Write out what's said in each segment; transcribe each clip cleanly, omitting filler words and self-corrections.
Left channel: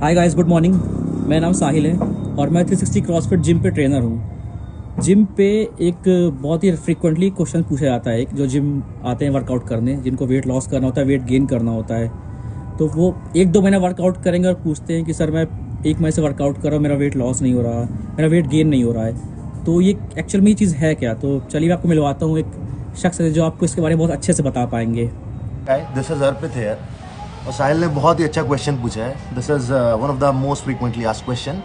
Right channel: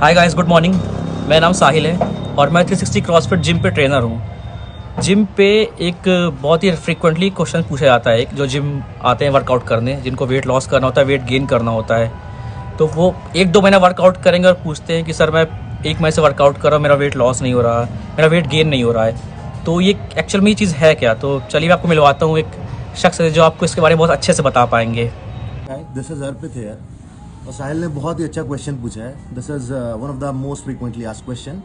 Hi guys, good morning. मेरा नाम साहिल है और मैं 360 क्रॉसफिट जिम पे ट्रेनर हूँ। जिम पे एक बहुत ही फ्रीक्वेंटली क्वेश्चन पूछा जाता है, जो जिम आते हैं वर्कआउट करने, जिनको वेट लॉस करना होता है, वेट गेन करना होता है, तो वो 1-2 महीना वर्कआउट करेंगे और पूछते हैं कि सर मैं 1 महीने से वर्कआउट कर रहा हूँ, मेरा वेट लॉस नहीं हो रहा, मेरा वेट गेन नहीं हो रहा है। तो ये एक्चुअल में ये चीज़ है क्या? तो चलिए मैं आपको मिलवाता हूँ एक शख्स है जो आपको इसके बारे में बहुत अच्छे से बता पाएंगे। This is Arpit here. और साहिल ने बहुत ही अच्छा क्वेश्चन पूछा है। This is one of the most frequently asked question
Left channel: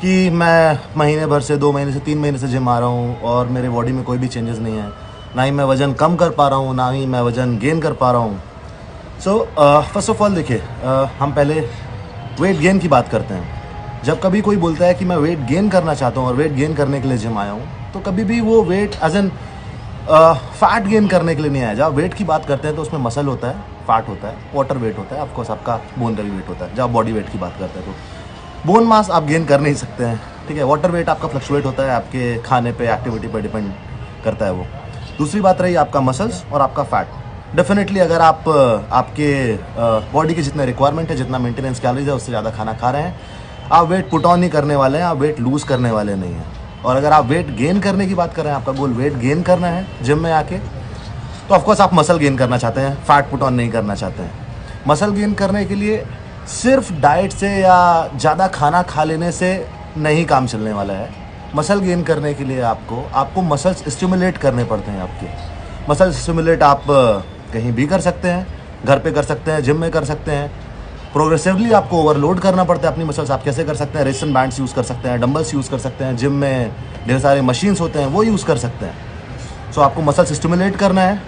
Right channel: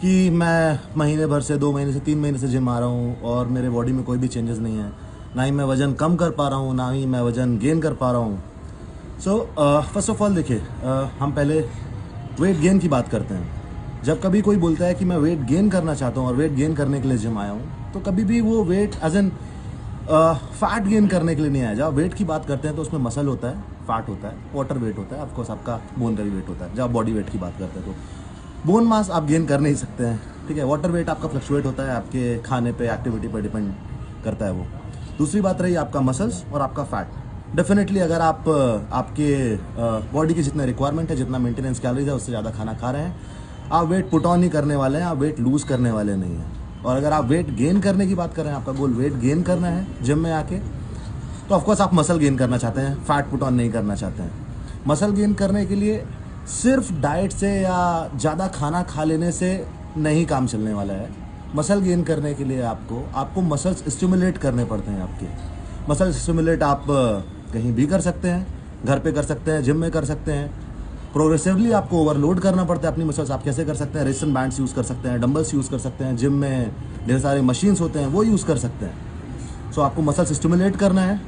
कि मैं महीने भर से 2 महीने से 3 महीने से जिम आ रहा हूँ और मेरे बॉडी में कोई भी चेंजेस नहीं है, ना ही मैं वज़न कम कर पा रहा हूँ, ना ही मैं वज़न गेन कर पा रहा हूँ। सो फर्स्ट ऑफ ऑल देखिए, हम पहले वेट गेन की बात करते हैं। जब कभी कोई बोलता है कि मैं वेट गेन करना चाहता हूँ और वेट गेन करने के लिए जिम आया हूँ, तो कभी भी वो weight as an fat gain करने के लिए नहीं आया। जब वेट की बात करते हैं तो उसमें मसल होता है, फैट होता है, वाटर वेट होता है, ऑफकोर्स आपका बोन का भी वेट होता है। जब बॉडी वेट की बात करते हैं तो बोन मास आप गेन कर नहीं सकते हैं, ठीक है। वाटर वेट आपका फ्लक्चुएट होता है, आपके खाने पे, एक्टिविटी पे डिपेंड करता है वो। दूसरी बात रही आपका मसल्स और आपका फैट। डेफिनेटली अगर आप आपके बॉडी के जितने रिक्वायरमेंट है, जितना मेंटेनेंस कैलोरीज है, उससे ज़्यादा खाना खा रहे हैं, आप वेट पुट ऑन नहीं करने वाले हैं, आप वेट लूज करने वाले नहीं हैं। और अगर आप वेट गेन करने की बात कर रहे हैं, आपका गोल वेट गेन करना है जिम में आके, तो ऑफकोर्स आप मसल गेन करना चाहते हैं, फैट पुट ऑन नहीं करना चाहते हैं। मसल गेन करने के लिए सिर्फ डाइट से या ज़्यादा खाना खा लेने से नहीं काम चलने वाला है। मसल गेन करने के लिए आपको मसल्स स्टिमुलेट करने पड़ते हैं। आपके मसल स्टिमुलेट आप कहीं भी कर सकते हैं, घर पे कर सकते हैं, जिम में कर सकते हैं। प्रोग्रेसिवली आपको ओवरलोड करना पड़ता है अपनी मसल्स। आप कैसे कर सकते हैं? रेजिस्टेंस बैंड्स यूज़ कर सकते हैं, डंबल्स यूज़ कर सकते हैं, जिम में ढेर सारे मशीन्स होते हैं, वो यूज़ कर सकते हैं। सो आपको मसल्स स्टिमुलेट करना है,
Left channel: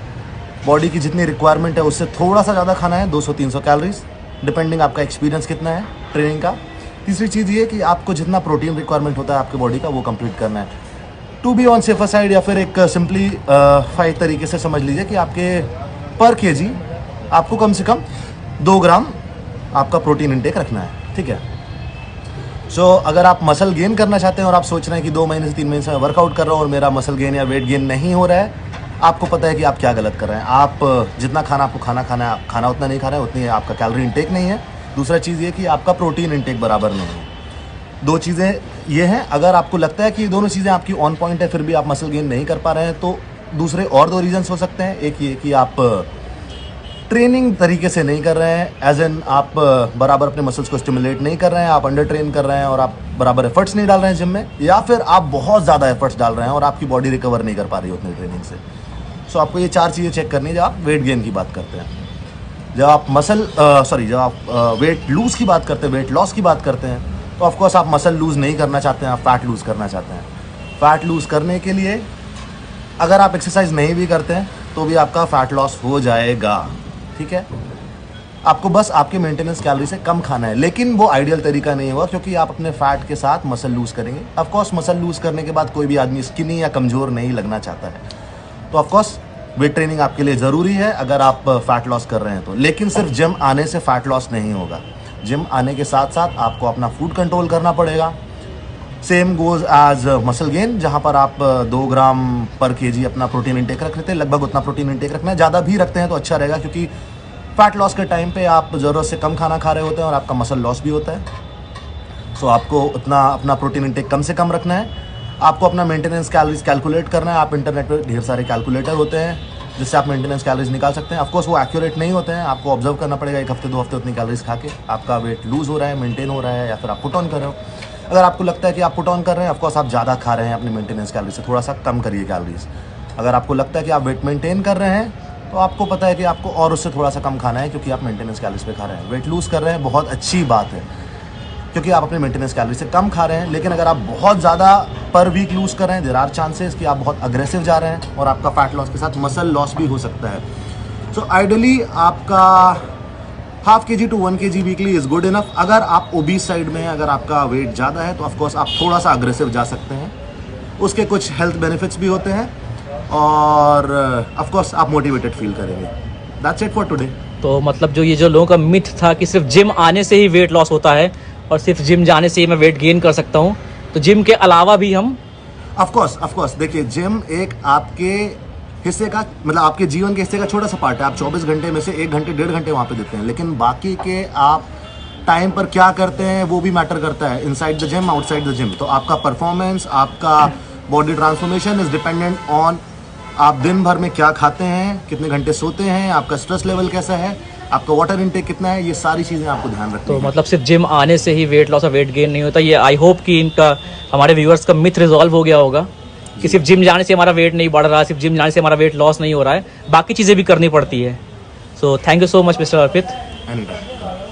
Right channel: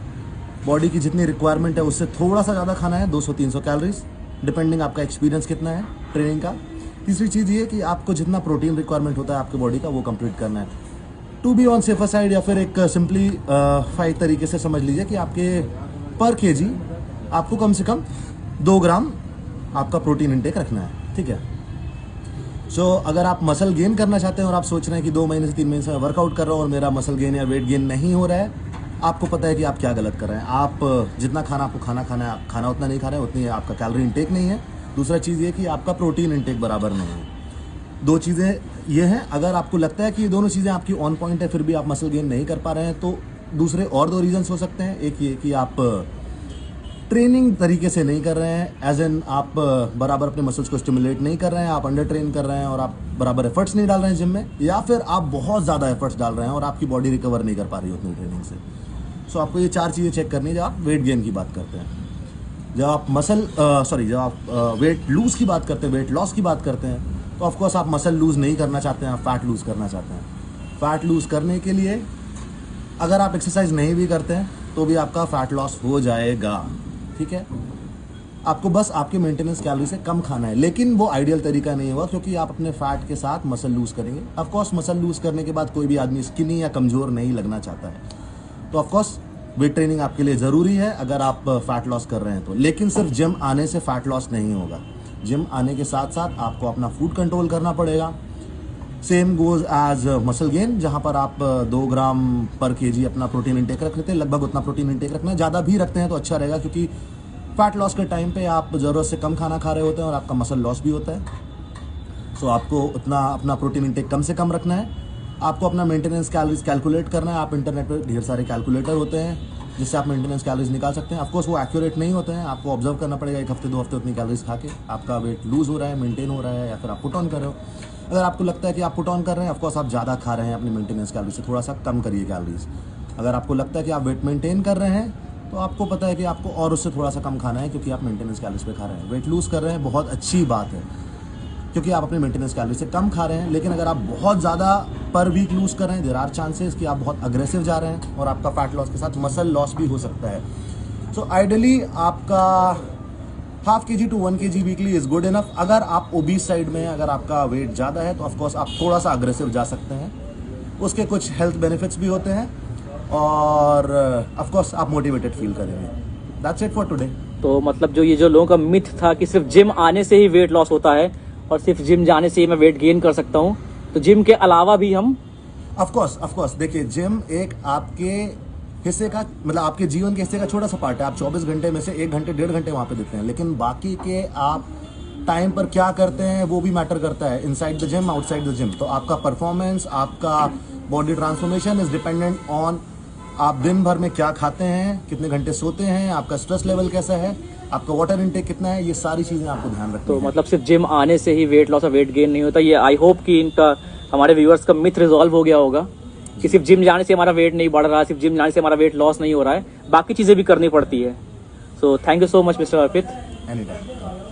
बॉडी की जितनी रिक्वायरमेंट है उससे थोड़ा सा ज़्यादा खाना है, 200-300 कैलोरीज, डिपेंडिंग आपका एक्सपीरियंस कितना है ट्रेनिंग का। तीसरी चीज़ ये कि आपको जितना प्रोटीन रिक्वायरमेंट होता है आपके बॉडी का, वो कंप्लीट करना है। To be on safer side, या फिर एक सिंपलीफाइड तरीके से समझ लीजिए कि आपके पर केजी आपको कम से कम 2 ग्राम आपका प्रोटीन इंटेक रखना है, ठीक है। सो अगर आप मसल गेन करना चाहते हैं और आप सोच रहे हैं कि 2 महीने से 3 महीने से मैं वर्कआउट कर रहा हूँ और मेरा मसल गेन या वेट गेन नहीं हो रहा है, आपको पता है कि आप क्या गलत कर रहे हैं। आप जितना खाना आपको खाना है, खाना उतना नहीं खा रहे हैं, उतनी आपका कैलोरी इंटेक नहीं है। दूसरा चीज़ ये कि आपका प्रोटीन इंटेक बराबर नहीं है। 2 चीज़ें ये हैं। अगर आपको लगता है कि ये दोनों चीज़ें आपकी ऑन पॉइंट है, फिर भी आप मसल गेन नहीं कर पा रहे हैं, तो दूसरे और 2 रीजन्स हो सकते हैं। एक ये कि आप ट्रेनिंग तरीके से नहीं कर रहे हैं, एज एन आप बराबर अपने मसल्स को स्टिमुलेट नहीं कर रहे हैं, आप अंडर ट्रेन कर रहे हैं और आप बराबर एफर्ट्स नहीं डाल रहे हैं जिम में, या फिर आप बहुत ज़्यादा एफर्ट्स डाल रहे हैं और आपकी बॉडी रिकवर नहीं कर पा रही है उतनी ट्रेनिंग से। सो आपको ये 4 चीज़ें चेक करनी है जब आप वेट गेन की बात करते हैं। जब आप जब आप वेट लूज़ की बात करते हैं, वेट लॉस की बात करते हैं, तो ऑफकोर्स आप मसल लूज़ नहीं करना चाहते हैं, आप फैट लूज़ करना चाहते हैं। फैट लूज़ करने के लिए अगर आप एक्सरसाइज नहीं भी करते हैं तो भी आपका फैट लॉस हो जाएगा, ठीक है। आपको बस आपके मेंटेनेंस कैलोरी से कम खाना है, लेकिन वो आइडियल तरीका नहीं होगा, क्योंकि आप अपने फैट के साथ मसल लूज़ करेंगे। ऑफकोर्स मसल लूज़ करने के बाद कोई भी आदमी स्किनी या कमज़ोर नहीं लगना चाहता है, तो ऑफकोर्स वेट ट्रेनिंग आपके लिए ज़रूरी है अगर आप फैट लॉस कर रहे हैं तो। लेकिन सिर्फ जिम आने से फैट लॉस नहीं होगा। जिम आने के साथ साथ आपको अपना फूड कंट्रोल करना पड़ेगा। Same goes as muscle gain, जहाँ पर आप 2 ग्राम पर केजी अपना प्रोटीन इंटेक रख लेते हैं, लगभग उतना प्रोटीन इंटेक रखना है। ज़्यादा भी रखते हैं तो अच्छा रहेगा, क्योंकि फैट लॉस के टाइम पे आप ज़रूरत से कम खाना खा रहे होते हैं और आपका मसल लॉस भी होता है। सो आपको उतना अपना प्रोटीन इंटेक कम से कम रखना है। आपको अपना मेंटेनेंस कैलोरीज कैलकुलेट करना है। आप इंटरनेट पर ढेर सारे कैलकुलेटर होते हैं जिससे आप मेंटेनेंस कैलोरीज निकाल सकते हैं। ऑफकोर्स वो एक्यूरेट नहीं होते हैं, आपको ऑब्जर्व करना पड़ेगा 1 हफ्ते 2 हफ्ते उतनी कैलोरीज खा के आपका वेट लूज़ हो रहा है, मेंटेन हो रहा है, या फिर आप पुट ऑन कर रहे हो। अगर आपको लगता है कि आप पुट ऑन कर रहे हैं, ऑफकोर्स आप ज़्यादा खा रहे हैं, अपनी मेंटेनेंस कैलोरीज से थोड़ा सा कम करिए कैलोरीज। अगर आपको लगता है कि आप वेट मेंटेन कर रहे हैं, तो आपको पता है कि आपको और उससे थोड़ा सा कम खाना है, क्योंकि आप मेंटेनेंस कैलोरीज पे खा रहे हैं। वेट लूज़ कर रहे हैं, बहुत अच्छी बात है, क्योंकि आप अपने मेंटेनेंस कैलोरी से कम खा रहे हैं। लेकिन अगर आप बहुत ज़्यादा पर वीक लूज़ कर रहे हैं, देयर आर चांसेस कि आप बहुत अग्रेसिव जा रहे हैं और आपका फैट लॉस के साथ मसल लॉस भी हो सकता है। सो आइडियली आपका ½ kg to 1 kg weekly is good enough. अगर आप ओबीस साइड में हैं, अगर आपका वेट ज़्यादा है, तो ऑफकोर्स आप थोड़ा सा अग्रेसिव जा सकते हैं। उसके कुछ हेल्थ बेनिफिट्स भी होते हैं और ऑफकोर्स आप मोटिवेटेड फील करेंगे। That's it for today. तो मतलब जो लोगों का मिथ था कि सिर्फ जिम आने से ही वेट लॉस होता है और सिर्फ जिम जाने से ही मैं वेट गेन कर सकता हूँ, तो जिम के अलावा भी हम ऑफकोर्स देखिए, जिम एक आपके हिस्से का, मतलब आपके जीवन के हिस्से का छोटा सा पार्ट है। आप 24 घंटे में से 1 घंटे 1.5 घंटे वहाँ पे देते हैं, लेकिन बाकी के आप टाइम पर क्या करते हैं वो भी मैटर करता है, inside the gym outside the gym. तो आपका परफॉर्मेंस, आपका body transformation is dependent on आप दिन भर में क्या खाते हैं, कितने घंटे सोते हैं, आपका स्ट्रेस लेवल कैसा है, आपका वाटर इनटेक कितना है, ये सारी चीज़ें आपको ध्यान रखनी तो है। मतलब सिर्फ जिम आने से ही वेट लॉस और वेट गेन नहीं होता, ये आई होप कि इनका हमारे व्यूअर्स का मिथ रिजॉल्व हो गया होगा कि सिर्फ जिम जाने से हमारा वेट नहीं बढ़ रहा, सिर्फ जिम जाने से हमारा वेट लॉस नहीं हो रहा है, बाकी चीज़ें भी करनी पड़ती है। So thank you so much mister Arpit. Anytime.